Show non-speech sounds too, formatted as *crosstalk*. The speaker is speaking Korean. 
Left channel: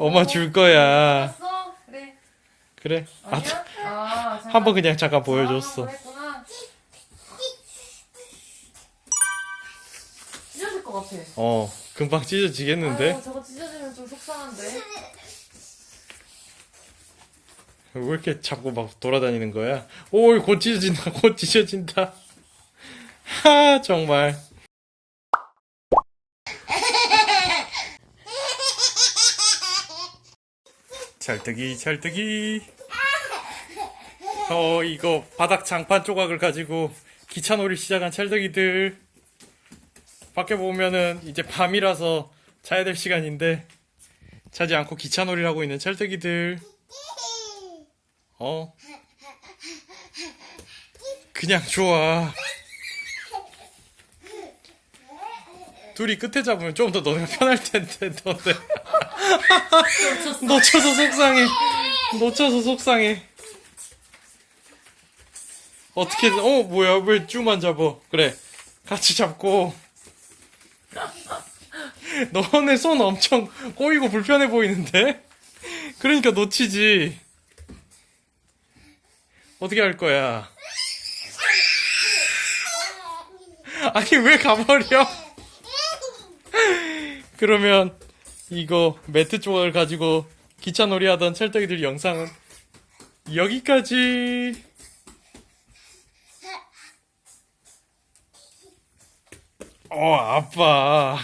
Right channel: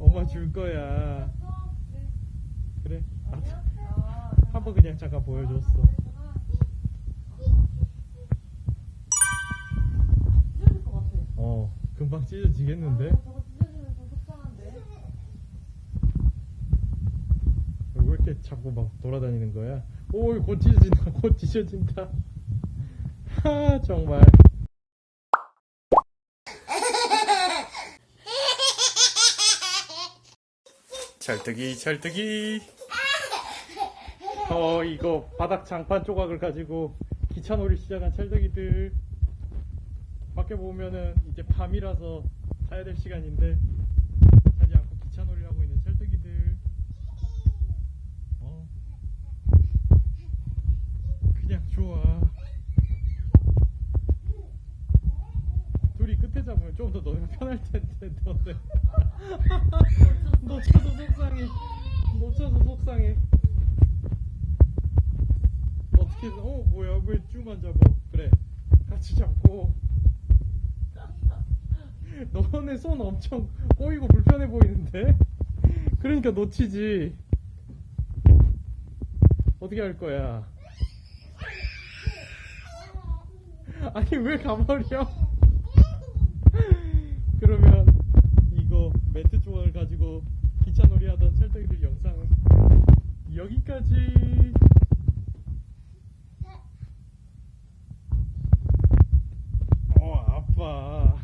엄마 줄 거야. 어 그래. 그래. 아, 아니야? 아, 한번 그냥 잠깐 보여줬어. 아, 그랬구나. 찢어질 것 같아. 어, 금방 찢어지겠는데? 아유, 저거 찢어지면 좀 속상한데. 왜 이렇게 자꾸 막 돌아다니는 거야? 오, 곧 찢어진다, 곧 찢어진다. *laughs* 하, 정말. 찰떡이, 찰떡이. 어, 이거 바닥 장판 조각을 가지고 기차놀이 시작한 찰떡이들. 밖에 보면은 이제 밤이라서 자야 될 시간인데 자지 않고 기차놀이를 하고 있는 찰떡이들. 어? 그냥 좋아. 둘이 끝에 잡으면 좀 더 너네가 편할 텐데 너네 놓쳐서 속상해. 놓쳐서 속상해. 어떻게 어 뭐야 왜 쭈만 잡어? 그래 같이 잡고. 너네 손 엄청 꼬이고 불편해 보이는데? 그러니까 놓치지. 어떻게 할 거야? 아니 왜 가버려? 그러면 이거 매트 조각을 가지고 기차놀이 하던 찰떡이들 영상은 여기까지. 어 아빠.